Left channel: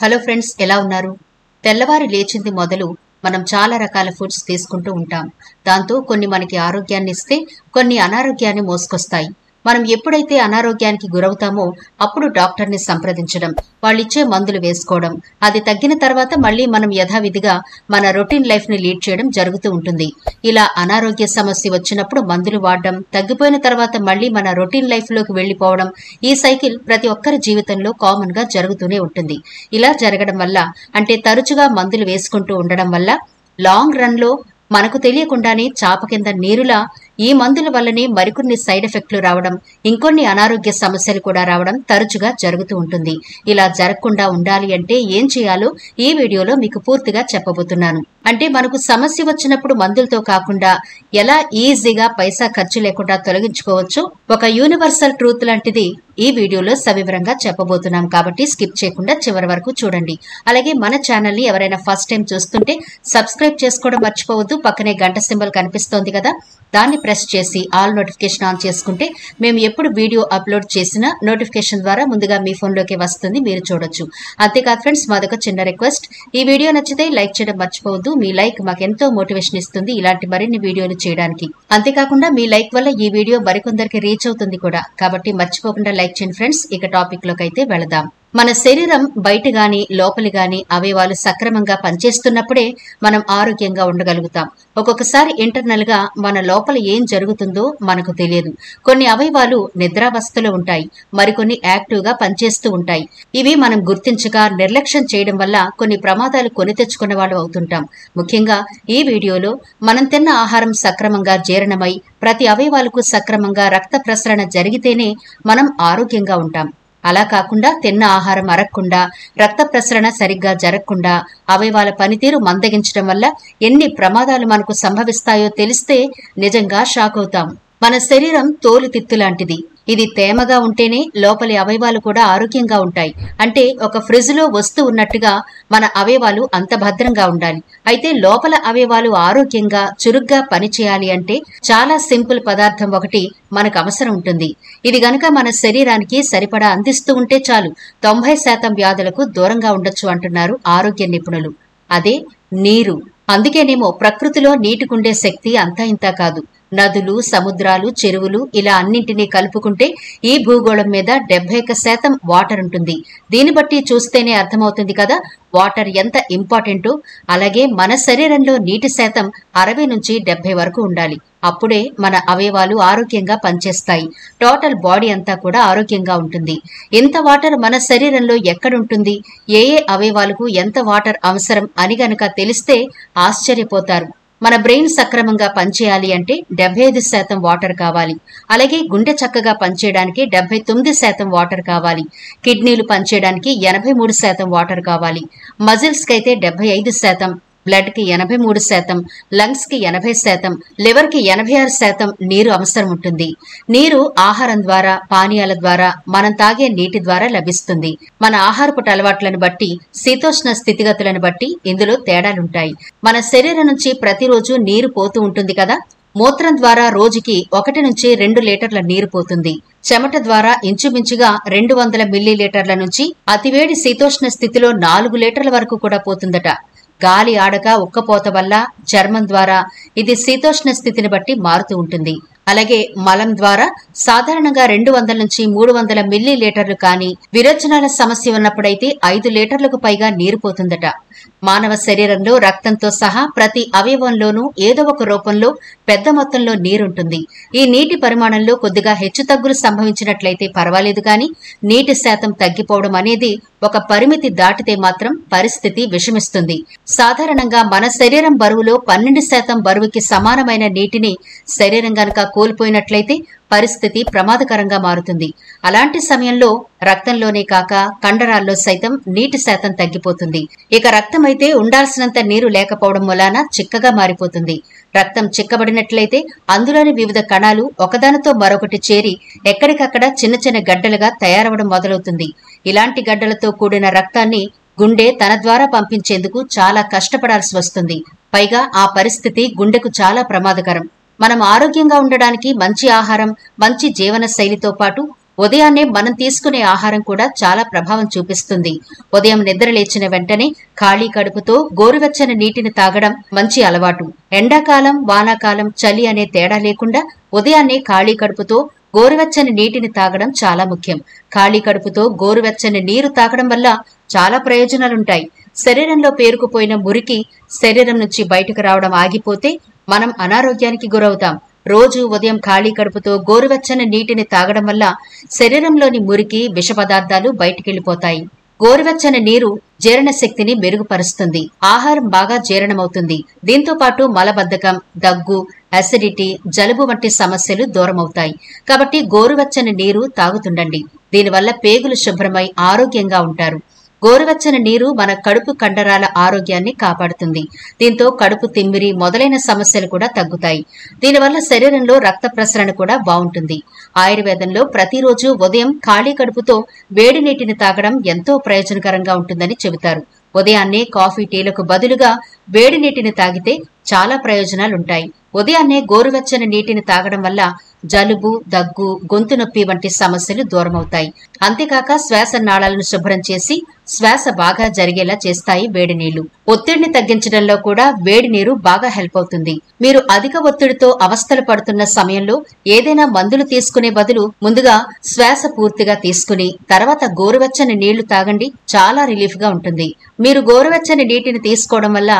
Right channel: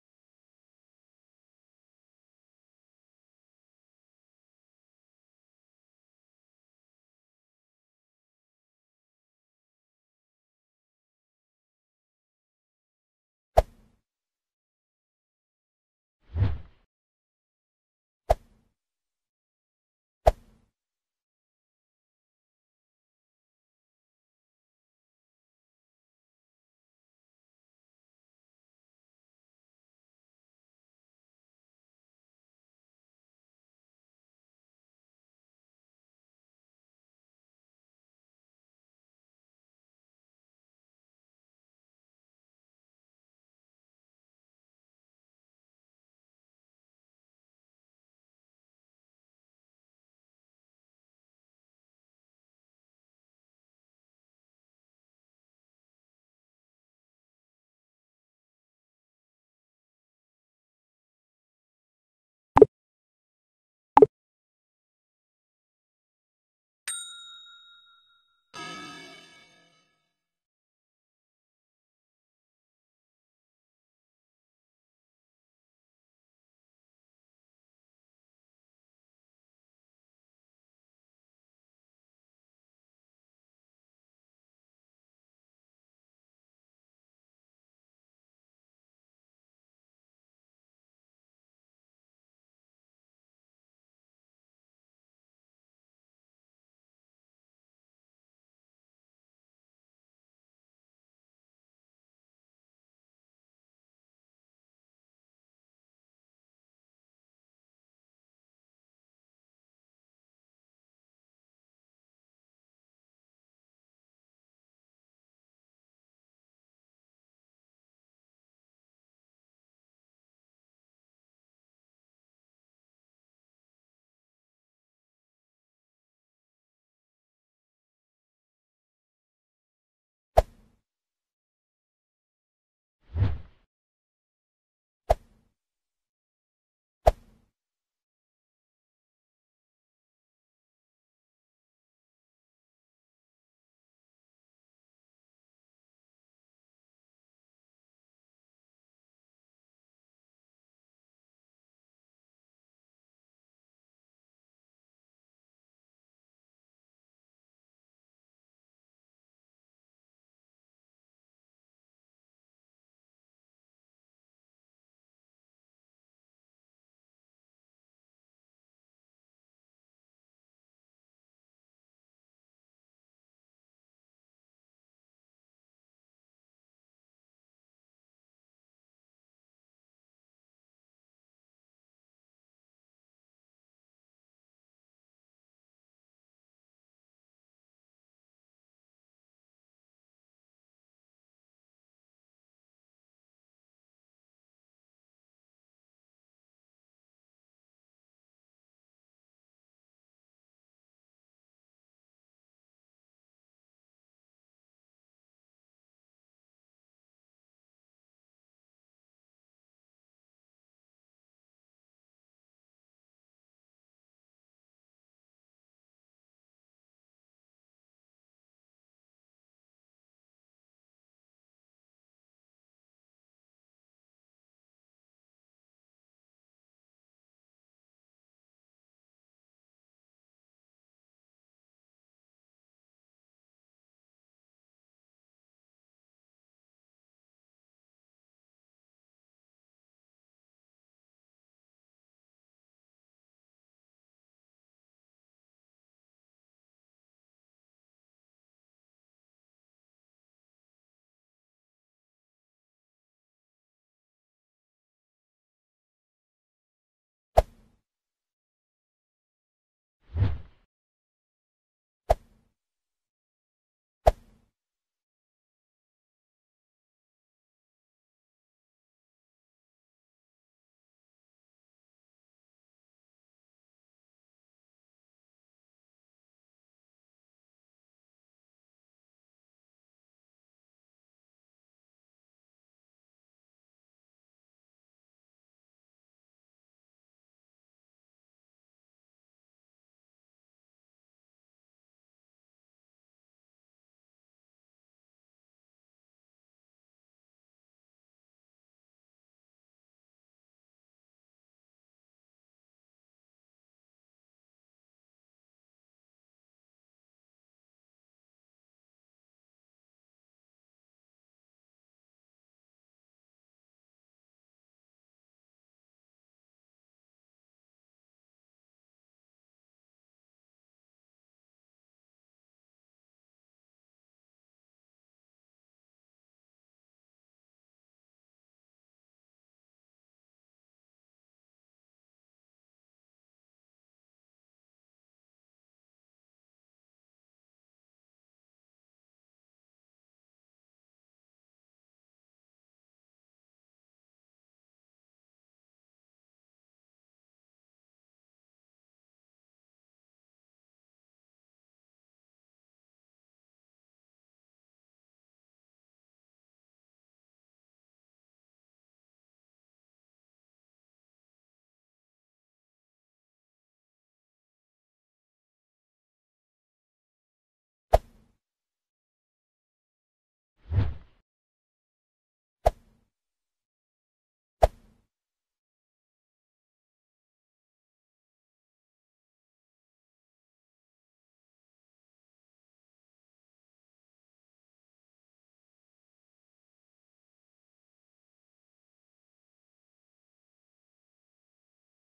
Hello friends, ఎలా ఉన్నారు? తెల్లవారి లేచింది మొదలు మనం చాలా రకాల ఫుడ్స్ తీసుకుంటూ ఉంటాం. దాంతో కొన్ని మనకి ఆరోగ్యాన్ని ఇస్తే, కొన్ని అనారోగ్యాన్ని మోసుకొస్తాయి. మనం ఎప్పుడైతే అనారోగ్యానికి గురవుతామో అప్పుడు డాక్టర్ని సంప్రదించడం, వాళ్ళిచ్చే మందులు వేసుకోవడం, అది తగ్గిన తర్వాత మళ్ళీ మనం యథావిధిగా మన రొటీన్ లైఫ్ని లీడ్ చేయడం జరుగుతూ ఉంటుంది. ఇలా అనారోగ్య సమస్య వచ్చినప్పుడు మందులు వాడడం, తగ్గిపోయిన తర్వాత మళ్ళీ మన రొటీన్ లైఫ్లోకి వెళ్ళిపోవడం, ఈ సైకిల్ ప్రతి ఒక్కరి జీవితంలో కామన్గా జరుగుతూనే ఉంటుంది. ఇలా జరగడం వల్ల, అంటే తరచుగా మందులు వేసుకుంటూ ఉండడం వల్ల లాంగ్ రన్లో మనకు తెలియకుండానే చాప కింద నీరులా ఈ మందుల వల్లనే మరికొన్ని సైడ్ ఎఫెక్ట్లు రావడం, ఇంకొన్ని అనారోగ్య సమస్యలు కూడా రావడం తరచుగా జరుగుతూ ఉంటుంది. ఇలా జరగకుండా ఉండాలి అంటే ఏం చేయాలో ఈ వీడియోలో మీకు పూర్తిగా చెప్పబోతున్నాను. అంటే మనకు సమస్య వచ్చినప్పుడు మందులతో కాకుండా ఎలా ఈజీగా పైసా ఖర్చు లేకుండా తొలగించుకోవచ్చు, ఒక యూనివర్సల్ ట్రూత్ లాంటిది ఈ వీడియోలో సవివరంగా చెప్పబోతున్నాం. కాబట్టి స్కిప్ చేయకుండా చివరి వరకు చూడండి. అలాగే మన ఛానల్ ని ఎవరైనా ఫస్ట్ టైం చూస్తుంటే సబ్స్క్రైబ్ చేసుకోవడం మర్చిపోవద్దు. పక్కనే గంట సింబల్ కనిపిస్తోంది కదా, దాన్ని ప్రెస్ చేసి ఆల్ నోటిఫికేషన్ ఆన్ చేసుకుంటే మేము ఎప్పుడు వీడియో అప్లోడ్ చేసినా నోటిఫికేషన్ ద్వారా ముందుగా మీ ఫోన్లోకి వస్తుంది, మీరు చూడొచ్చు. అంతేకాదు ఫ్రెండ్స్, మాదొక చిన్న రిక్వెస్ట్, ఈ వీడియో నచ్చితే లైక్ చేయడం మర్చిపోవద్దు. మీ లైక్ మాకెంతో మోటివేషన్ ఇస్తుంది ఇలాంటి మరిన్ని వీడియోలు చేయడానికి. అంతేకాకుండా మీ లైక్ వల్ల ఈ వీడియో మరికొందరికి రీచ్ అవుతుంది కూడా, కాబట్టి మర్చిపోకుండా లైక్ చేయండి ఫ్రెండ్స్. ఇక టాపిక్ లోకి అయితే వెళదాం. మన శరీరం బయట గాని లోపలి గాని అవయవాలు సక్రమంగా పనిచేస్తున్నప్పుడే మనం ఆరోగ్యంగా ఉండగలుగుతాం. ఒక్కొక్కసారి ఇంటర్నల్ గా మన లోపల ఏం జరుగుతుందో మనకు తెలియదు. కొన్ని అవయవాలు నిద్రావస్థలో ఉంటాయి, మరికొన్ని యాక్టివ్ గా పనిచేస్తూ ఉంటాయి. ఇవి మనం గుర్తించక నిర్లక్ష్యం చేయడం వల్ల కొన్ని ప్రమాదాలు కొని తెచ్చుకున్న వాళ్ళు అవుతుంటాం. ముఖ్యంగా ఈ వీడియోలో మనం తిన్న ఆహారం సక్రమంగా జీర్ణమై ప్రతి అవయవాలకు సక్రమంగా రక్త ప్రసరణ జరిగితేనే మనం ఆరోగ్యంగా ఉంటాం. అలా కాకుండా తిన్న ఆహారం అరగకుండా, రక్త ప్రసరణ సరిగ్గా జరగకుండా అవయవాల పనితీరు మందగించడం వల్ల ఎన్ని ప్రమాదాలు మనకు సంభవిస్తాయో తెలిస్తే నిజంగా షాక్ అవుతాం. మన శరీరం తోలుతిత్తు లాంటిది. ఇది తేమగా ఉంటేనే లోపలి అవయవాలు కూడా ఆరోగ్యంగా ఉంటాయి. అంటే ఒక ఫ్రిడ్జ్ లో వస్తువు ఉన్నట్టుగా మన అవయవాలు అంత భద్రంగా ఉండాలి. అయితే లోపల అవయవాలు ఆరోగ్యంగా చురుగ్గా పనిచేయాలి అంటే చాలా సింపుల్ పదార్థం ఒకటి మనకు అవసరం ఉంటుంది. ఇది గనక మన శరీరానికి సరిపడా అందిస్తూ ఉంటే చాలు, 90% వ్యాధులకు దూరంగా ఉండొచ్చు అంటున్నారు ఆరోగ్య నిపుణులు. అదే నీరు. అందుకేనేమో ప్రకృతిలో నీటికుండే శక్తి అంతా ఇంతా కాదు. నదులు, సముద్రాలు, చెరువులు ఇలా అన్నింటినీ కలుపుకుంటే ఈ భూగోళం మీద 71% వాటర్ ఉంటుంది. దీన్ని బట్టి చూస్తేనే అర్థమవుతుంది కదా వాటర్ ఎంత ఇంపార్టెంటో. అలాగే మన శరీరంలో నీటి శాతం 60 నుంచి 70 వరకు ఉండాలి. అప్పుడే మన అవయవాలు ఆరోగ్యంగా పనిచేస్తాయి. టోటల్ బాడీ అంతా కూడా ఆరోగ్యంగా ఉంటుంది. ఎంత వాటర్ మన శరీరంలో ఎక్కడుంటుంది, ఏ ఏ అవయవాలకు ఎంత వాటర్ అవసరం అని గనక తెలిస్తే ఆశ్చర్యపోతారు. మన బ్రెయిన్ సక్రమంగా పనిచేయాలి అంటే 75% వాటర్ కావాలి. అలాగే గుండె చక్కగా పనిచేయడానికి 79% వాటర్ కావాలి. కిడ్నీలు పనిచేయడానికి 83% వాటర్ కావాలి. మజిల్స్ కైతే 75%, బ్లడ్ కి 83%, లంగ్స్ కి 80%, లివర్ కి 86% నీరు అవసరం ఉంటుంది. నీరు ఆహారం ద్వారా, పానీయాల ద్వారా, మనం తాగే నీటి ద్వారా లభిస్తుంది. మన ఆహారపు అలవాట్లను బట్టి, శీతోష్ణ స్థితిగతులను బట్టి ఇందులో తేడాలుంటాయి. మన శరీరం నుంచి ప్రతిరోజు నీరు పోతూ ఉంటుంది కదా. మూత్రం ద్వారా రోజుకి 1 నుంచి 2 లీటర్ల నీరు పోతుంది. చెమట ద్వారా ఇంచుమించుగా 200 మిల్లీలీటర్ల నుంచి అతివేడి శీతోష్ణ స్థితిలో 4 లీటర్ల వరకు కూడా పోతుందట. గాలి ఆడక ఉక్కపోత వల్ల, చర్మం ద్వారా ఇది శీతోష్ణ స్థితిని బట్టి మారుతూ ఉంటుంది. అలాగే మలం ద్వారా సాధారణంగా 200 నుంచి 300 మిల్లీలీటర్లు కానీ, విరోచనాల సమస్య ఉన్నప్పుడైతే 5 లీటర్లకు పైగా నీరు పోతుందట. మానవ శరీరంలో రక్తంతో సహా ప్రతి అవయవంలోనూ ఏదో ఒక రూపంలో పెద్ద మొత్తంలో నీరుంటుంది. ఈ నీటి పరిమాణంలో కొద్దిగా హెచ్చుతగ్గులు సంభవించినట్లయితే పర్వాలేదు, కానీ నీటి శాతం తగ్గిపోవడం అనేది ఒక పరిమితి దాటితే మాత్రం పరిస్థితి విషమిస్తుంది. సాధారణంగా మన శరీరం బరువులో 12% బరువుకి సమానమైన నీటిని శరీరం గనక కోల్పోయినట్లయితే పరిస్థితి ప్రమాదకరంగా మారుతుంది. అలాంటి సమయంలో రక్తంలోనే కాక కండరాల్లో సైతం నీటి శాతం తగ్గిపోతుంది. ఇక రక్తం అయితే ఉండాల్సినంత నీరు లేకపోవడం వలన చిక్కగా మారిపోతుంది. రక్తం చిక్కబడినట్లయితే అందులోని వివిధ కణాలు ఒకదానితో మరొకటి చేరి ఎక్కడికక్కడ చిన్న చిన్న గడ్డలుగా తయారవడం మొదలవుతుంది. ఇలాంటి గడ్డలతో కూడిన రక్తాన్ని గుండె తన ద్వారా పంపించేందుకు చాలా కష్టపడాల్సి వస్తుంది. పైగా ఆ పరిస్థితి గుండెకు చాలా ప్రమాదకరం. మనం ఆరోగ్యంగా ఉండడానికి మంచి ఆహారం, మంచి జీవన శైలితో పాటు ఉదయాన్నే మనం తీసుకునే ఆహారం కూడా చాలా ప్రభావం చూపిస్తుంది. ఉదయం నిద్ర లేచిన వెంటనే ఖాళీ కడుపుతో గోరువెచ్చని నీటిని తాగడం మంచి అలవాటు. ఎండాకాలం, వానాకాలం, చలి అనే తేడా లేకుండా ఉదయాన్నే ఖాళీ కడుపుతో గోరువెచ్చని నీటిని తాగడం చాలా ముఖ్యం. ఖాళీ కడుపుతో గోరువెచ్చని నీరు తాగడం వల్ల చాలా ప్రయోజనాలుంటాయి. శరీరంలో పేరుకుపోయిన మురికి శరీరం నుంచి బయటకు రావడం ఆగిపోతే మనం అనారోగ్యానికి గురవుతాం. రోజు ఉదయం ఖాళీ కడుపుతో గోరువెచ్చని నీటిని తాగడం వల్ల శరీరంలోని మురికి, విష పదార్థాలు బయటికెళ్లిపోతాయి. గోరువెచ్చని నీరు జీర్ణశక్తిని మెరుగుపరుస్తుంది. ఆహారం బాగా జీర్ణమవుతుంది. దీంతో పాటు మలబద్ధకం, దగ్గు, అసిడిటీ, జలుబు వంటి సమస్యలు దూరమవుతాయి. కాబట్టి గోరువెచ్చని నీరు తాగుతుండండి. దీనివల్ల పేగులు శుభ్రమై ఆరోగ్యంగా ఉంటారు. గోరువెచ్చని నీరు మన కడుపు కండరాల ఆరోగ్యాన్ని కాపాడుతుంది. దీంతో కడుపు తిమ్మిరి మొదలైన సమస్యలు కూడా తగ్గుతాయి. దీనివల్ల శరీరంలో రక్త ప్రసరణ కూడా బాగుంటుంది. ఆయుర్వేదంలో ప్రతిరోజు ఉదయం ఖాళీ కడుపుతో వేడి నీటిని తాగడం ఎంతో ప్రయోజనకరంగా ఉంటుందని చెబుతారు. ఉదయాన్నే కాఫీ, టీలకు బదులుగా వేడి నీటిని తాగితే చాలా ప్రయోజనాలుంటాయి. ఉదయాన్నే గోరువెచ్చని నీటిని తాగడం వల్ల జలుబు, దగ్గు, గొంతు నొప్పి వంటి సమస్యలు దూరమవుతాయి. అంతేకాక శ్వాస నాళాలను శుభ్రం చేసి శ్వాస బాగా జరిగేలా చేస్తాయి వేడి నీళ్లు. ఒత్తిడిని తగ్గించడంలో కూడా వేడి నీరు బాగా హెల్ప్ అవుతుంది. మీరు అధిక ఒత్తిడితో అవస్థలు పడుతున్న సమయంలో ఏదైనా మందులు తీసుకునే బదులు ముందుగా శ్వాస పూర్తిగా తీసుకుని తర్వాత గోరువెచ్చని నీళ్లు తాగండి. చాలా రిలీఫ్ గా ఉంటుంది. మీరు గోరువెచ్చని నీటిని తీసుకోవడం వల్ల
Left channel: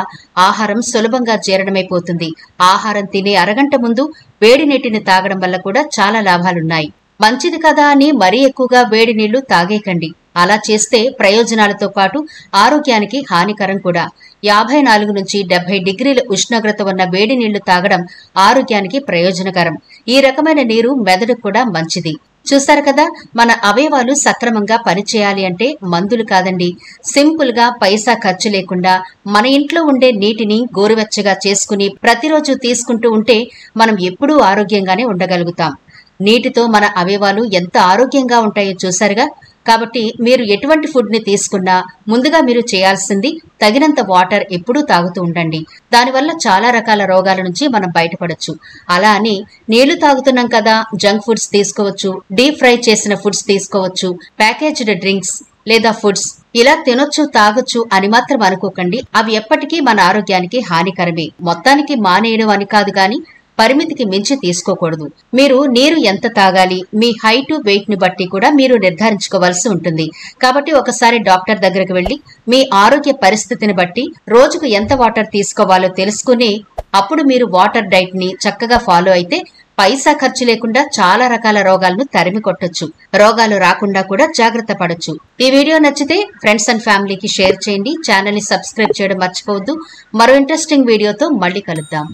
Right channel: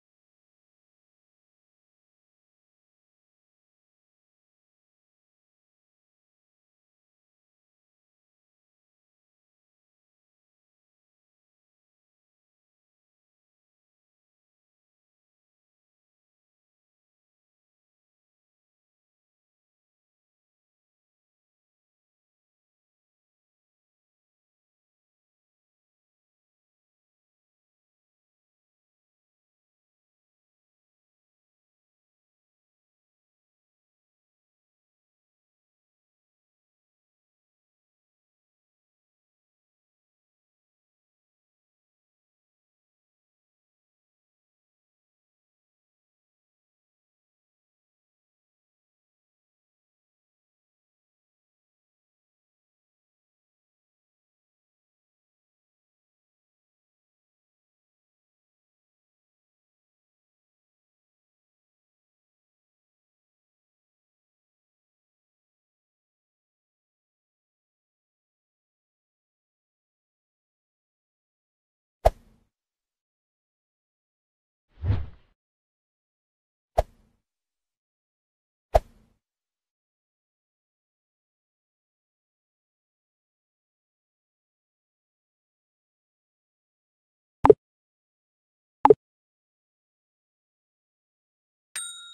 ఆహారం సులభంగా జీర్ణమైపోతుంది. ఆహారం తినే అరగంట ముందు వేడి నీటిని తాగడం వల్ల కూడా చాలా లాభాలున్నాయి. మంచిది కదా అని మరీ ఎక్కువగా వేడి నీళ్లు తాగేకండి. అలా చేస్తే ప్రయోజనాలతో పాటు ఆరోగ్యానికి హానికరం కూడా. 54 నుంచి 70 డిగ్రీల ఉష్ణోగ్రత ఉన్న వేడి నీళ్లు తాగడం ఆరోగ్యానికి ప్రయోజనకరం. ఈ రకమైన నీరు మెదడుకు కూడా మంచిది. చూశారు కదా, మన అవయవాలు సక్రమంగా పనిచేయాలి అంటే మందులు కాదండి, సింపుల్ గా పైసా ఖర్చు లేకుండా మన ఇంట్లో ఉండే నీటిని గోరువెచ్చగా చేసుకుని ప్రతిరోజు తీసుకుంటూ ఉంటే మనం ఎప్పుడూ ఆరోగ్యంగానే ఉండగలుగుతాం. నీటితో మన అవయవాలు ఎంత ఆరోగ్యంగా ఉంటాయో చూశారుగా. కాబట్టి మీరు ఎటువంటి ఫుడ్ ని తీసుకున్నా ముందుగా మీరు చేయాల్సింది తగినంత వాటర్ ఎప్పుడూ తాగుతూ ఉండండి. దానివల్ల చాలా రకాల రోగాల నుంచి మనం బయటపడొచ్చు. అలా అని నీళ్లు తాగుతున్నాం కదా జంక్ ఫుడ్స్ తీసుకోవచ్చు, డీప్ ఫ్రై చేసిన ఫుడ్స్ తీసుకోవచ్చు, ప్యాకేజ్డ్ డ్రింక్స్ లేదా ఫుడ్స్ ఇలా తినొచ్చు, తాగొచ్చు అని మాత్రం అనుకోకండి. అవి ఎప్పటికీ మన ఆరోగ్యానికి హానికరమే. మొత్తానికి మానేయడం అని కాదు గాని పరిమితికి మించి తీసుకోకూడదు. మీరు నీరు ఎంత తాగాలి, మీ హైట్, వెయిట్ ని బట్టి కూడా మీరు నిర్ధారించుకోవాల్సి ఉంటుంది. కాబట్టి ఒకసారి డాక్టర్ దగ్గరకు వెళ్లి మీ ఆరోగ్య పరిస్థితిని బట్టి రోజుకు ఎంత వాటర్ తీసుకోవాలో తెలుసుకుని అప్పుడు మీరు వాటర్ డైట్ ని చక్కగా ఫాలో అయితే పైసా ఖర్చు లేకుండా చాలా రకాల రోగాలను తరిమి కొట్టొచ్చు. రోగాలు రాకుండా కూడా జాగ్రత్త పడొచ్చు. ఈ వీడియో నచ్చితే ఫ్రెండ్స్ అండ్ ఫ్యామిలీకి షేర్ చేయండి. ఛానల్ ని సబ్స్క్రైబ్ చేయడం మర్చిపోవద్దు. మరో ఇంట్రెస్టింగ్ వీడియోతో మళ్ళీ కలుద్దాం.